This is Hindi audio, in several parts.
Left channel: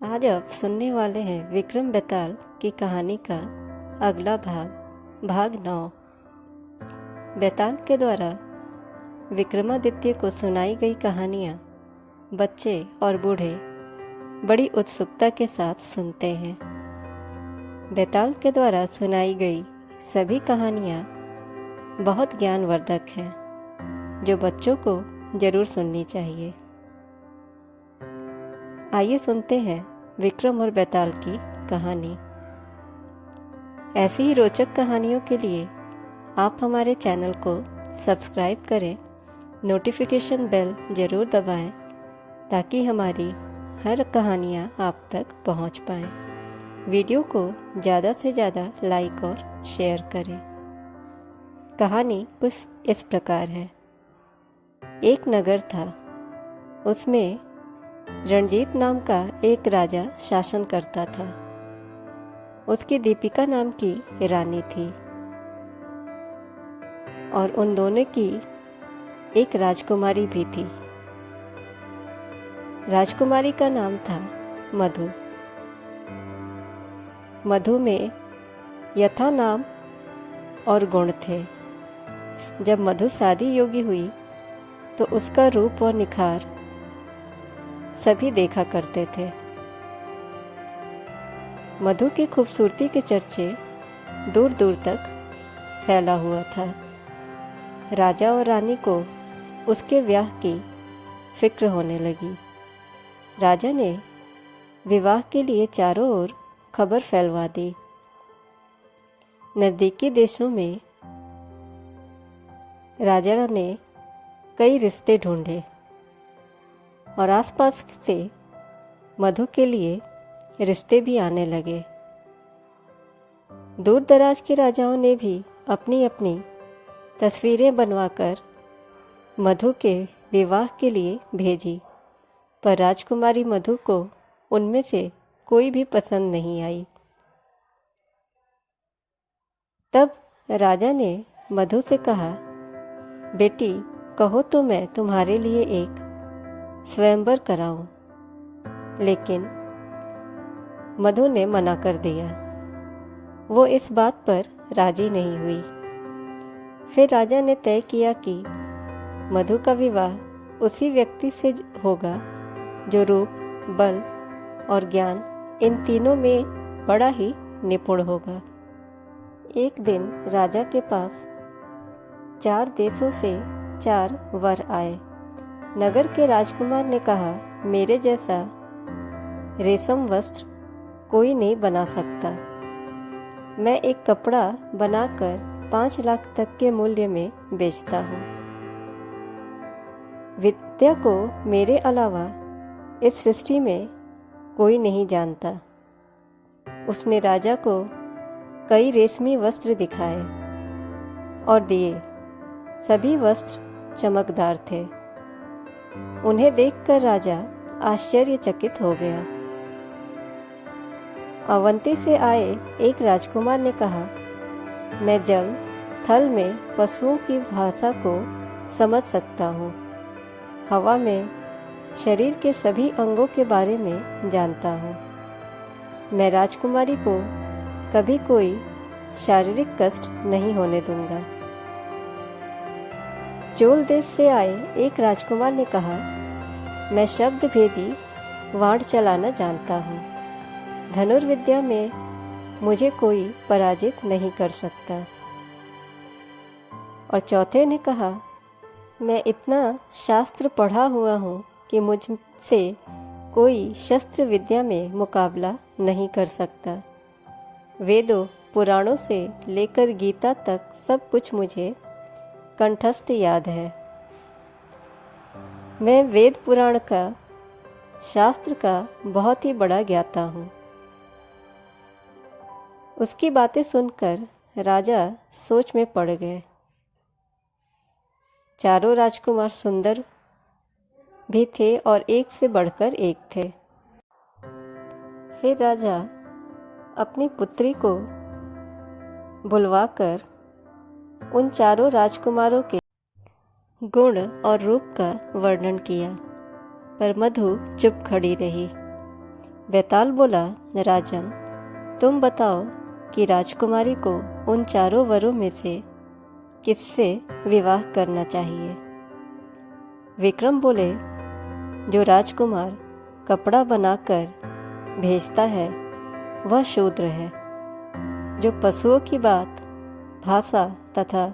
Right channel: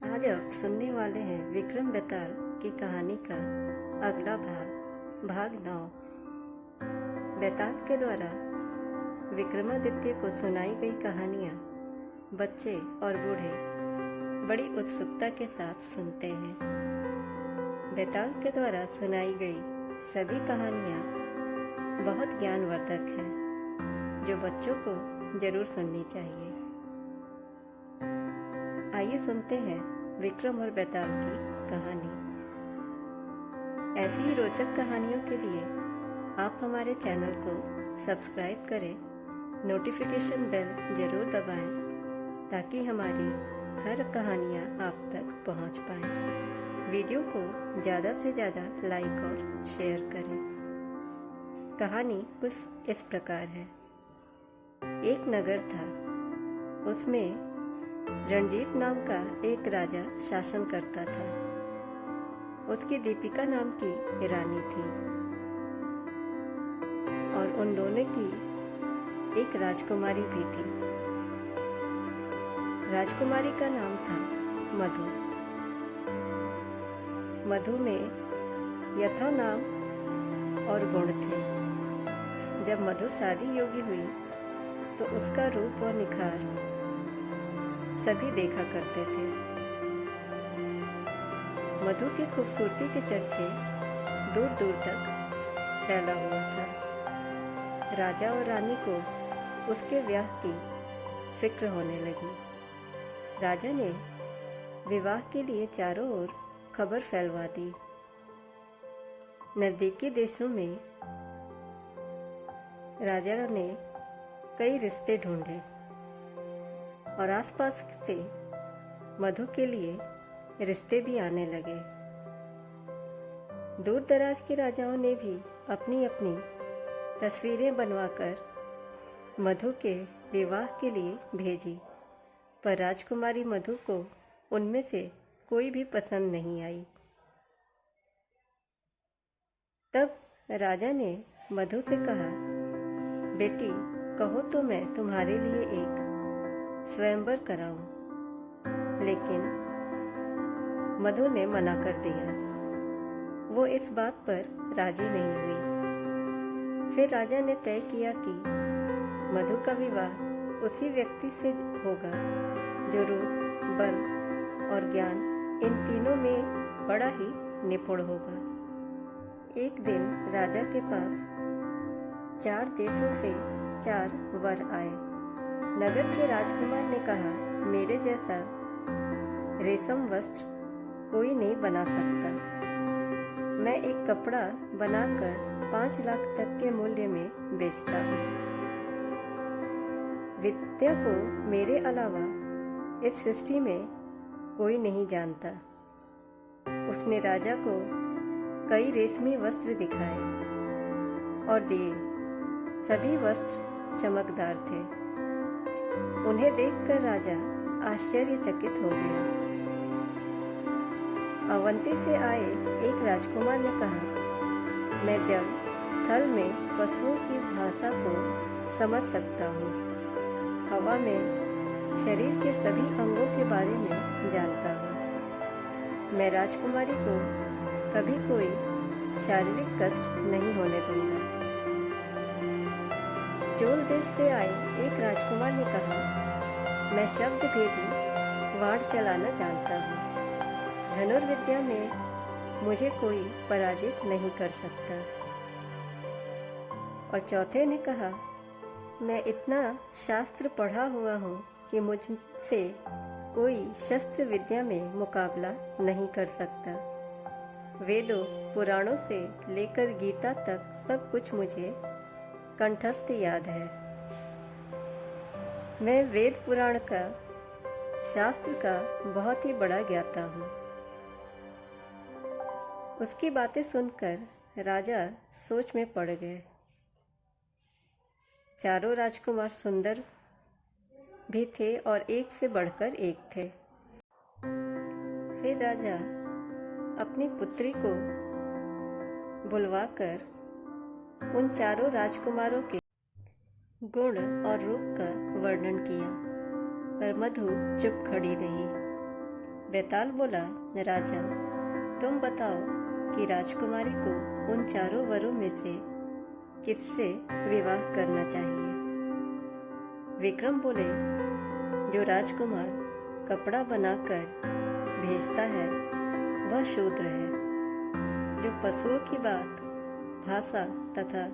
आज आप सुनने वाले हैं विक्रम बेताल की कहानी का अगला भाग 9। बेताल के द्वारा विक्रमादित्य को सुनाई गई कहानियाँ बच्चे और बूढ़े बड़ी उत्सुकता के साथ सुनते हैं। बेताल के द्वारा सुनाई गई सभी कहानियाँ बहुत ज्ञानवर्धक हैं, जो बच्चों को जरूर सुननी चाहिए। आइए सुनते हैं विक्रम और बेताल की कहानी। ऐसी ही रोचक कहानियों के लिए आप हमारे चैनल को सब्सक्राइब करें, नोटिफिकेशन बेल ज़रूर दबाएं ताकि हमारी हर कहानियाँ आप तक पहुँच पाएं। वीडियो को ज़्यादा से ज़्यादा लाइक और शेयर करें। कहानी कुछ इस प्रकार है। एक नगर था, उसमें रणजीत नाम का एक राजा शासन करता था। उसकी दीपिका नाम की रानी थी और उन दोनों की एक राजकुमारी भी थी। राजकुमारी का नाम था मधु। मधु में यथा नाम और गुण थे। जब मधु शादी योग्य हुई तो उसका रूप और निखार सभी देखा करते थे। मधु की खूबसूरती के चर्चे दूर दूर तक फैला हुआ था। राजा और रानी को उसके ब्याह की फिक्र होने लगी। राजा ने विवाह के लिए चारों ओर खबर फैलवा दी। नज़दीकी देशों में राजा ने कई रिश्ते ढूंढे और आसपास से मधु के लिए रिश्ते भी आने लगे। दूर दराज के राजाओं ने भी अपनी अपनी तस्वीरें बनवाकर मधु के विवाह के लिए भेजी, पर राजकुमारी मधु को उनमें से कोई भी पसंद नहीं आई। तब राजा ने मधु से कहा, बेटी कहो तो मैं तुम्हारे लिए एक स्वयंवर कराऊं। लेकिन मधु ने मना कर दिया। वो इस बात पर राजी नहीं हुई। फिर राजा ने तय किया कि मधु का विवाह उसी व्यक्ति से होगा जो रूप, बल और ज्ञान इन तीनों में बड़ा ही निपुण होगा। एक दिन राजा के पास 4 देशों से 4 वर आए। नगर के राजकुमार ने कहा, मेरे जैसा रेशम वस्त्र कोई नहीं बना सकता। मैं एक कपड़ा बनाकर 5 लाख तक के मूल्य में बेचता हूँ। विद्या को मेरे अलावा इस सृष्टि में कोई नहीं जानता। उसने राजा को कई रेशमी वस्त्र दिखाए और दिए। सभी वस्त्र चमकदार थे। उन्हें देखकर राजा आश्चर्यचकित हो गया। अवंती से आए एक राजकुमार ने कहा, मैं जल थल में पशुओं की भाषा को समझ सकता हूँ। हवा में शरीर के सभी अंगों के बारे में जानता हूँ। मैं राजकुमारी को कभी कोई शारीरिक कष्ट नहीं होने दूंगा। चोल देश से आए एक राजकुमार ने कहा, मैं शब्द भेदी वाण चलाना जानता हूँ। धनुर्विद्या में मुझे कोई पराजित नहीं कर सकता। और चौथे ने कहा, मैं इतना शास्त्र पढ़ा हुआ हूँ कि मुझसे कोई शस्त्र विद्या में मुकाबला नहीं कर सकता। वेदों पुराणों से लेकर गीता तक सब कुछ मुझे कंठस्थ याद है। मैं वेद पुराण का, शास्त्र का बहुत ही बड़ा ज्ञाता हूँ। उसकी बातें सुनकर राजा सोच में पड़ गए। चारों राजकुमार सुंदर भी थे और एक से बढ़कर एक थे। फिर राजा अपनी पुत्री को बुलवाकर उन चारों राजकुमारों के गुण और रूप का वर्णन किया, पर मधु चुप खड़ी रही। बैताल बोला, राजन, तुम बताओ कि राजकुमारी को उन चारों वरों में से किससे विवाह करना चाहिए। विक्रम बोले, जो राजकुमार कपड़ा बनाकर भेजता है वह शूद्र है। जो पशुओं की बात, भाषा तथा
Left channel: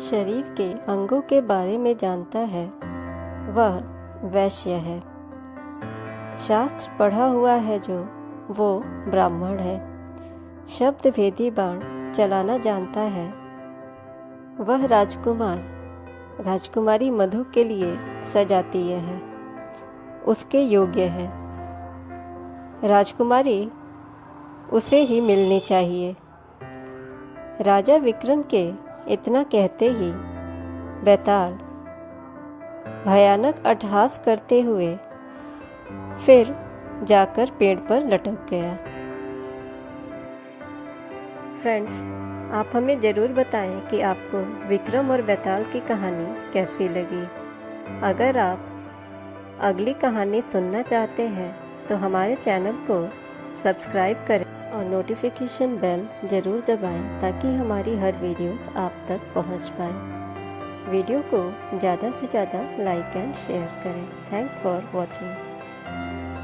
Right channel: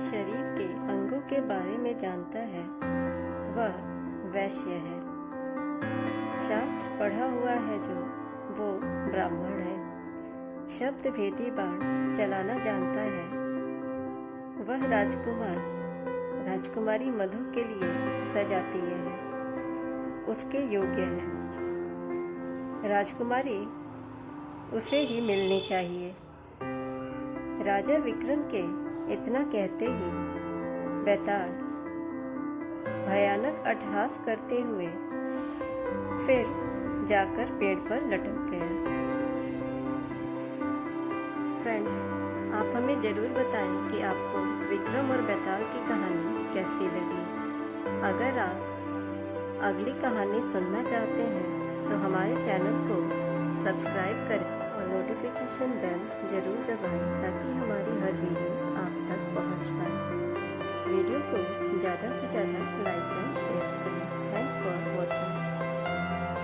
शरीर के अंगों के बारे में जानता है वह वैश्य है। शास्त्र पढ़ा हुआ है जो, वो ब्राह्मण है। शब्द भेदी बाण चलाना जानता है वह राजकुमारी मधु के लिए सजातीय है, उसके योग्य है। राजकुमारी उसे ही मिलनी चाहिए। राजा विक्रम के इतना कहते ही बैताल भयानक अट्टहास करते हुए फिर जाकर पेड़ पर लटक गया। फ्रेंड्स, आप हमें ज़रूर बताएं कि आपको विक्रम और बैताल की कहानी कैसी लगी। अगर आप अगली कहानी सुनना चाहते हैं तो हमारे चैनल को सब्सक्राइब करें और नोटिफिकेशन बेल ज़रूर दबाएं ताकि हमारी हर वीडियोस आप तक पहुंच पाए। वीडियो को ज़्यादा से ज़्यादा लाइक एंड शेयर करें। Thanks for watching.